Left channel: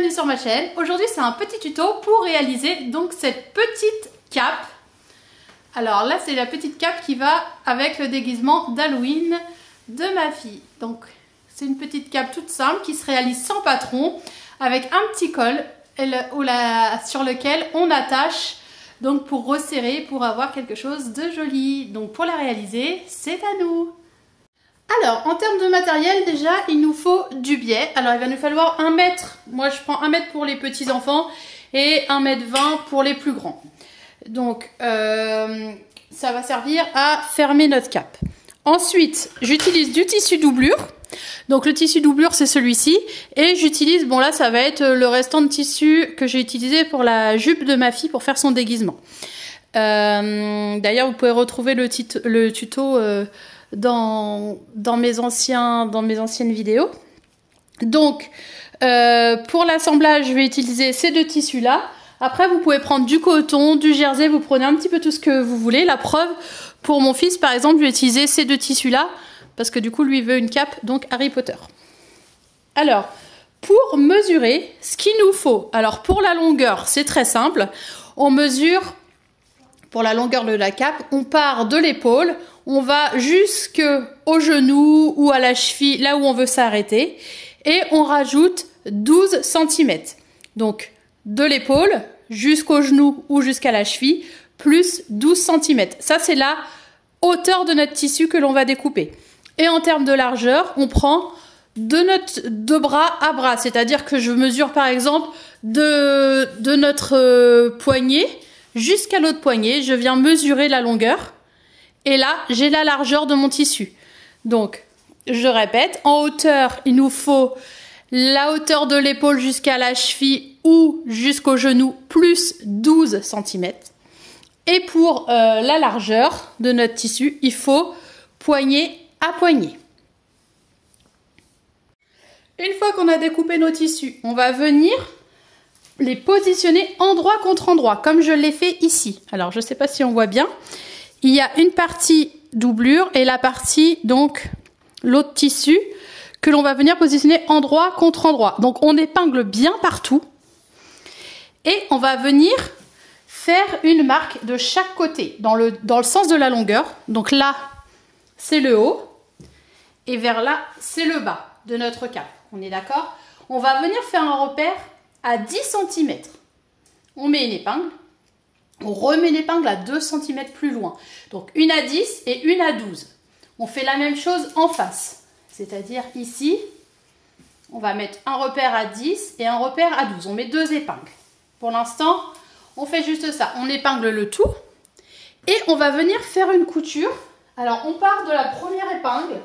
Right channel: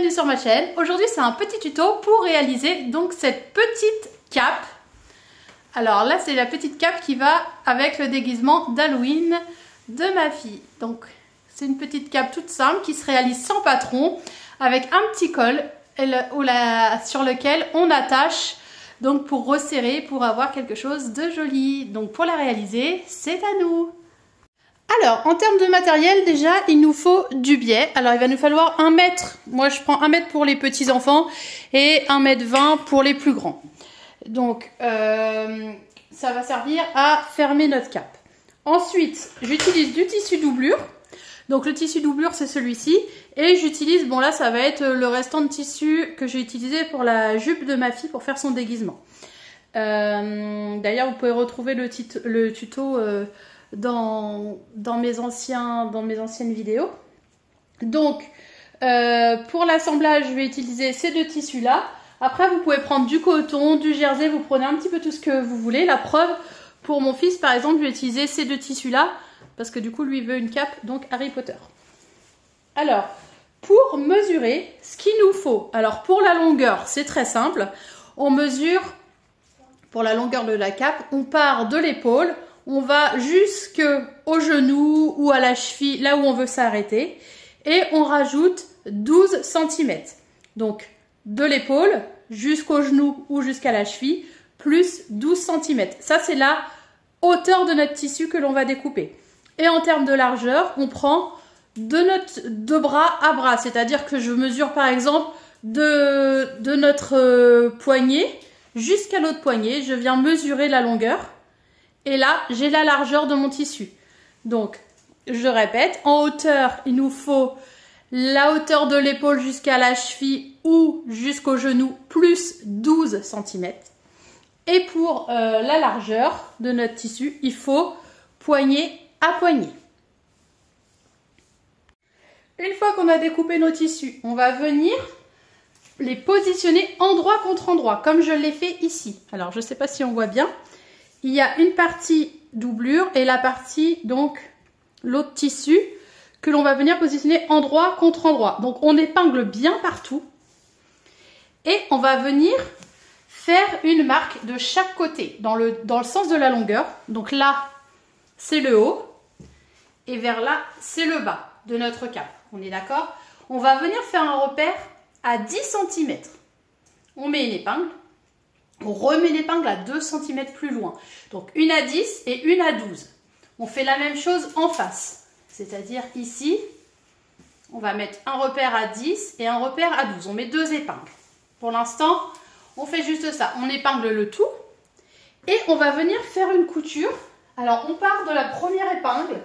bienvenue sur ma chaîne. Aujourd'hui c'est un petit tuto pour réaliser donc cette petite cape. Alors là c'est la petite cape qui va avec le déguisement d'Halloween de ma fille. Donc c'est une petite cape toute simple qui se réalise sans patron avec un petit col sur lequel on attache donc pour resserrer, pour avoir quelque chose de joli. Donc pour la réaliser, c'est à nous. Alors, en termes de matériel, déjà, il nous faut du biais. Alors, il va nous falloir 1 mètre. Moi, je prends 1 mètre pour les petits enfants et 1,20 m pour les plus grands. Donc, ça va servir à fermer notre cape. Ensuite, j'utilise du tissu doublure. Donc, le tissu doublure, c'est celui-ci. Et j'utilise, bon là, ça va être le restant de tissu que j'ai utilisé pour la jupe de ma fille pour faire son déguisement. D'ailleurs, vous pouvez retrouver le tuto... dans mes anciennes vidéos. Donc pour l'assemblage je vais utiliser ces deux tissus là. Après vous pouvez prendre du coton, du jersey, vous prenez un petit peu tout ce que vous voulez. La preuve, pour mon fils par exemple, je vais utiliser ces deux tissus là parce que du coup lui il veut une cape donc Harry Potter. Alors pour mesurer ce qu'il nous faut, alors pour la longueur c'est très simple, on mesure pour la longueur de la cape, on part de l'épaule, on va jusqu'au genou ou à la cheville, là où on veut s'arrêter, et on rajoute 12 cm. Donc, de l'épaule jusqu'au genou ou jusqu'à la cheville, plus 12 cm. Ça, c'est la hauteur de notre tissu que l'on va découper. Et en termes de largeur, on prend de bras à bras, c'est-à-dire que je mesure par exemple de notre poignet jusqu'à l'autre poignet, je viens mesurer la longueur. Et là, j'ai la largeur de mon tissu. Donc, je répète, en hauteur, il nous faut la hauteur de l'épaule jusqu'à la cheville ou jusqu'au genou, plus 12 cm. Et pour la largeur de notre tissu, il faut poignet à poignet. Une fois qu'on a découpé nos tissus, on va venir les positionner endroit contre endroit, comme je l'ai fait ici. Alors, je ne sais pas si on voit bien. Il y a une partie doublure et la partie, donc, l'autre tissu que l'on va venir positionner endroit contre endroit. Donc, on épingle bien partout et on va venir faire une marque de chaque côté dans le sens de la longueur. Donc là, c'est le haut et vers là, c'est le bas de notre cape. On est d'accord? On va venir faire un repère à 10 cm. On met une épingle. On remet l'épingle à 2 cm plus loin. Donc une à 10 et une à 12. On fait la même chose en face. C'est-à-dire ici, on va mettre un repère à 10 et un repère à 12. On met 2 épingles. Pour l'instant, on fait juste ça. On épingle le tout et on va venir faire une couture. Alors on part de la première épingle.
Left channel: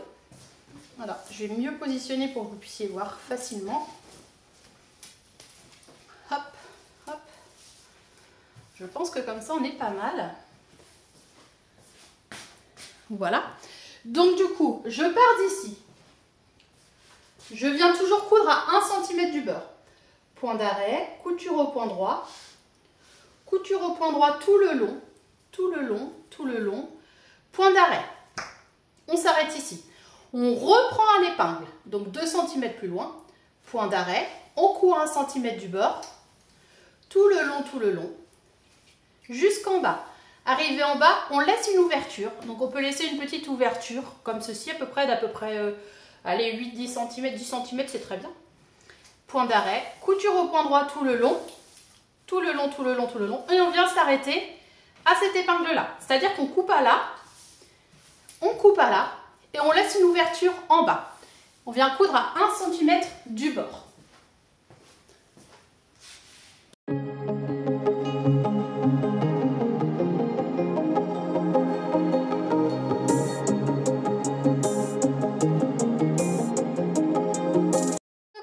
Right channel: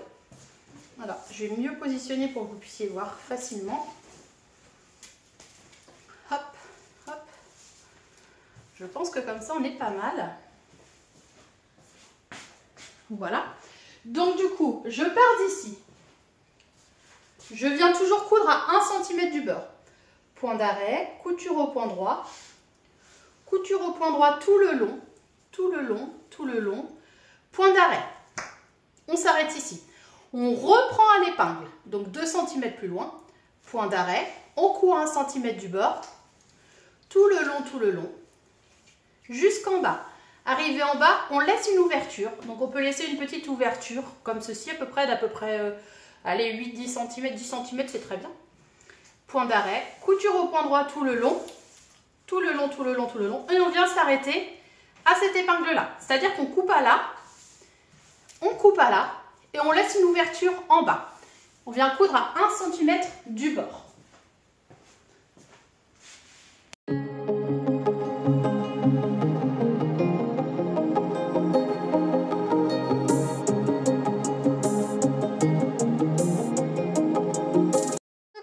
Alors je vais mieux positionner pour que vous puissiez voir facilement. Hop, hop. Je pense que comme ça, on est pas mal. Voilà. Donc, du coup, je pars d'ici. Je viens toujours coudre à 1 cm du bord. Point d'arrêt, couture au point droit. Couture au point droit tout le long. Tout le long, tout le long. Point d'arrêt. On s'arrête ici. On reprend à l'épingle. Donc, 2 cm plus loin. Point d'arrêt. On court 1 cm du bord. Tout le long, tout le long. Jusqu'en bas. Arrivé en bas, on laisse une ouverture. Donc on peut laisser une petite ouverture comme ceci, à peu près allez, 8-10 cm, 10 cm, c'est très bien. Point d'arrêt, couture au point droit tout le long. Tout le long, tout le long, tout le long. Et on vient s'arrêter à cette épingle-là. C'est-à-dire qu'on coupe à là, on coupe à là, et on laisse une ouverture en bas. On vient coudre à 1 cm du bord.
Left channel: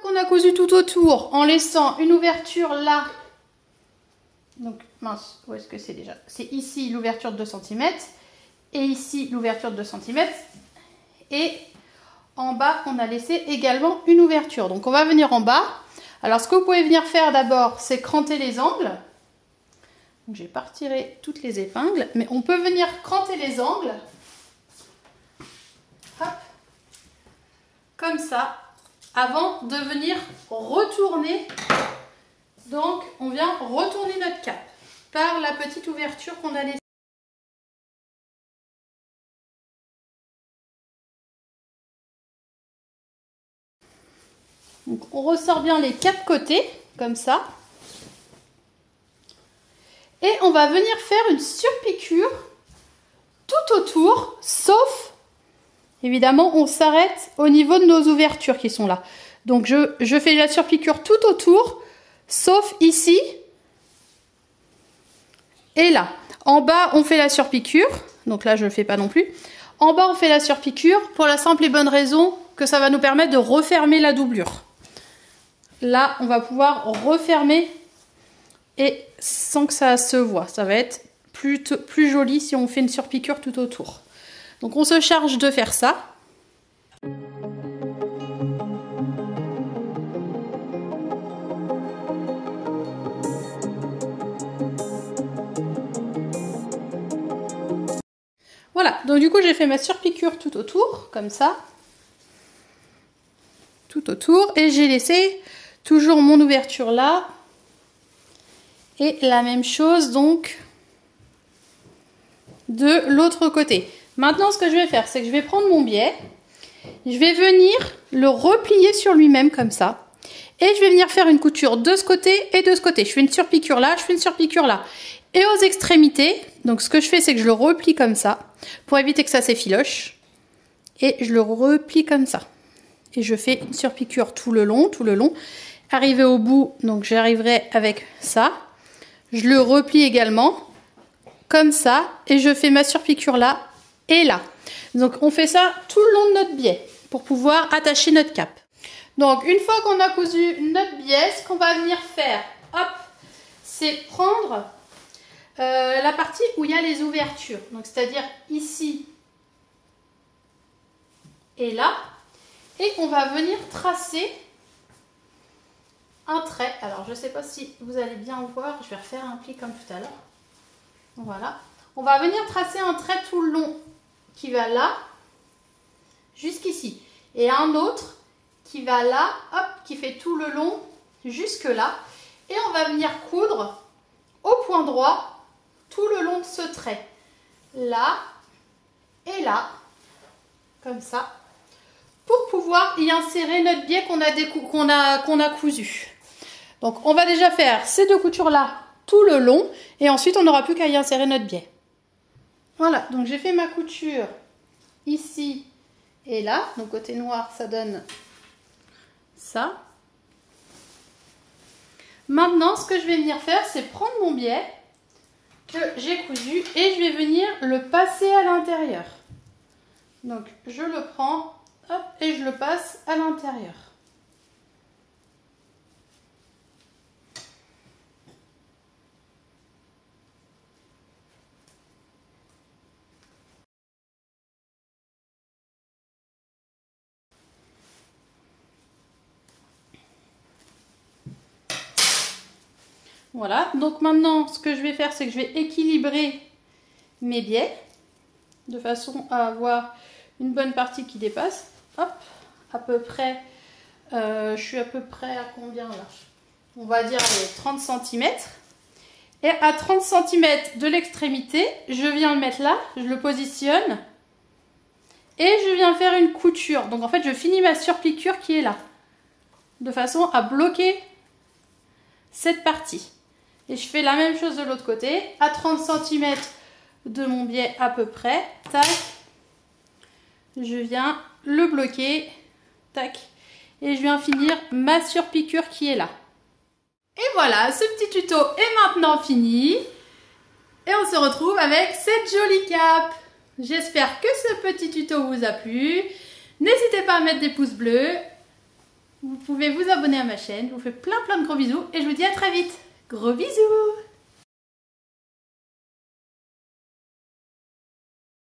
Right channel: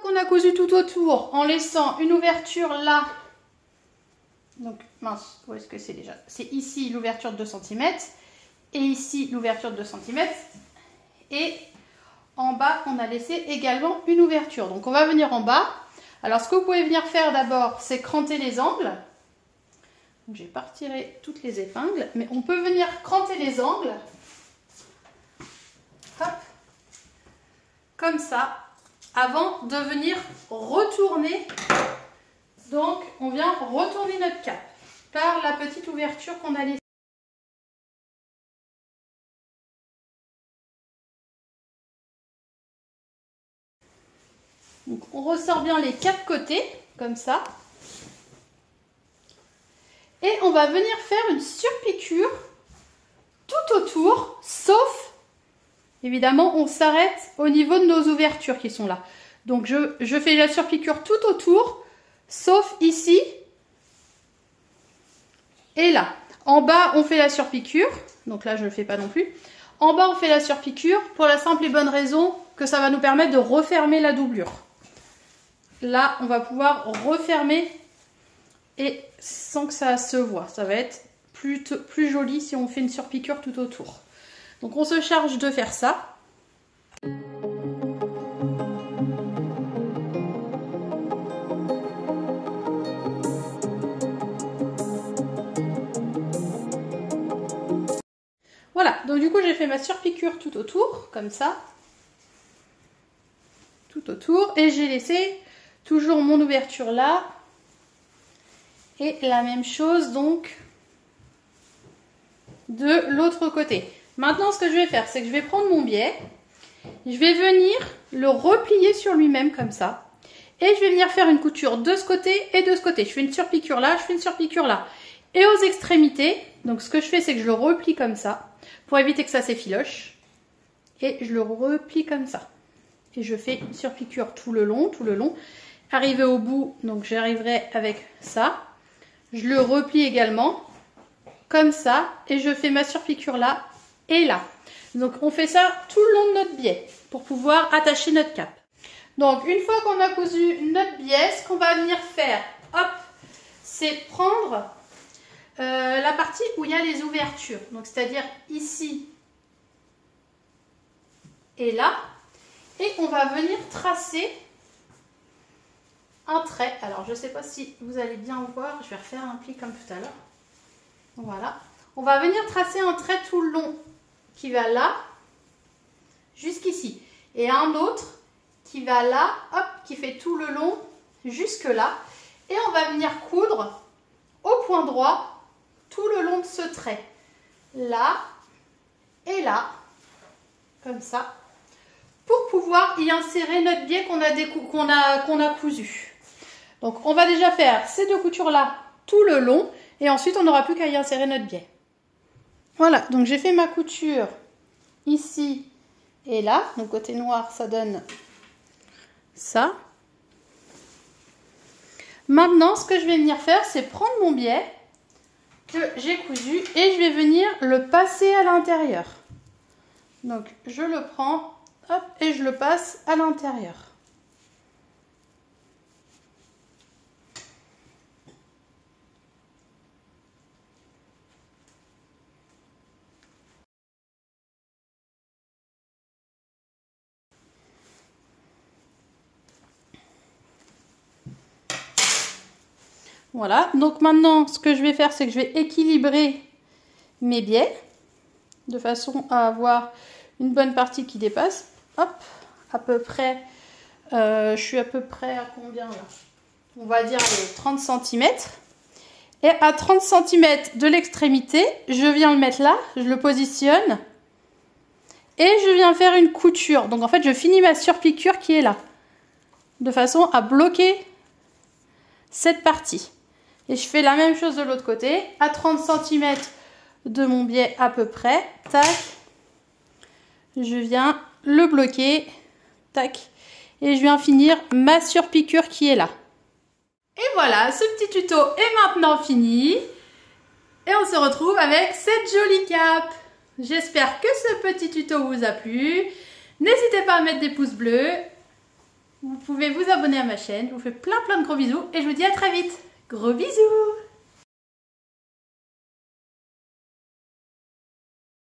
On a cousu tout autour en laissant une ouverture là. Donc mince, où est-ce que c'est déjà? C'est ici l'ouverture de 2 cm et ici l'ouverture de 2 cm. Et en bas, on a laissé également une ouverture. Donc on va venir en bas. Alors ce que vous pouvez venir faire d'abord, c'est cranter les angles. Donc j'ai pas retiré toutes les épingles, mais on peut venir cranter les angles. Hop. Comme ça. Avant de venir retourner Donc on vient retourner notre cape par la petite ouverture qu'on a laissée. Donc on ressort bien les 4 côtés, comme ça. Et on va venir faire une surpiqûre tout autour, sauf, évidemment, on s'arrête au niveau de nos ouvertures qui sont là. Donc je fais la surpiqûre tout autour, sauf ici et là. En bas, on fait la surpiqûre, donc là je ne le fais pas non plus. En bas, on fait la surpiqûre pour la simple et bonne raison que ça va nous permettre de refermer la doublure. Là, on va pouvoir refermer et sans que ça se voit. Ça va être plus joli si on fait une surpiqûre tout autour. Donc on se charge de faire ça. Voilà, donc du coup j'ai fait ma surpiqûre tout autour, comme ça. Tout autour, et j'ai laissé toujours mon ouverture là. Et la même chose donc de l'autre côté. Maintenant ce que je vais faire, c'est que je vais prendre mon biais, je vais venir le replier sur lui-même comme ça. Et je vais venir faire une couture de ce côté et de ce côté. Je fais une surpiqûre là, je fais une surpiqûre là. Et aux extrémités, donc ce que je fais, c'est que je le replie comme ça, pour éviter que ça s'effiloche. Et je le replie comme ça. Et je fais une surpiqûre tout le long, Arrivé au bout, donc j'arriverai avec ça. Je le replie également, comme ça. Et je fais ma surpiqûre là et là. Donc on fait ça tout le long de notre biais, pour pouvoir attacher notre cape. Donc une fois qu'on a cousu notre biais, ce qu'on va venir faire, hop, c'est prendre la partie où il y a les ouvertures. Donc c'est-à-dire ici et là. Et on va venir tracer un trait. Alors je ne sais pas si vous allez bien voir, je vais refaire un pli comme tout à l'heure. Voilà. On va venir tracer un trait tout le long qui va là, jusqu'ici. Et un autre qui va là, hop, qui fait tout le long jusque là. Et on va venir coudre au point droit tout le long de ce trait. Là et là, comme ça, pour pouvoir y insérer notre biais qu'on a cousu. Donc on va déjà faire ces 2 coutures là tout le long et ensuite on n'aura plus qu'à y insérer notre biais. Voilà, donc j'ai fait ma couture ici et là. Donc côté noir ça donne ça. Maintenant ce que je vais venir faire, c'est prendre mon biais que j'ai cousu et je vais venir le passer à l'intérieur. Donc je le prends, hop, et je le passe à l'intérieur. Voilà, donc maintenant ce que je vais faire, c'est que je vais équilibrer mes biais de façon à avoir une bonne partie qui dépasse. Hop, à peu près, je suis à peu près à combien là? On va dire 30 cm. Et à 30 cm de l'extrémité, je viens le mettre là, je le positionne et je viens faire une couture. Donc en fait, je finis ma surpiqûre qui est là, de façon à bloquer cette partie. Et je fais la même chose de l'autre côté, à 30 cm de mon biais à peu près, tac, je viens le bloquer, tac, et je viens finir ma surpiqûre qui est là. Et voilà, ce petit tuto est maintenant fini. Et on se retrouve avec cette jolie cape. J'espère que ce petit tuto vous a plu. N'hésitez pas à mettre des pouces bleus. Vous pouvez vous abonner à ma chaîne. Je vous fais plein de gros bisous et je vous dis à très vite. Gros bisous!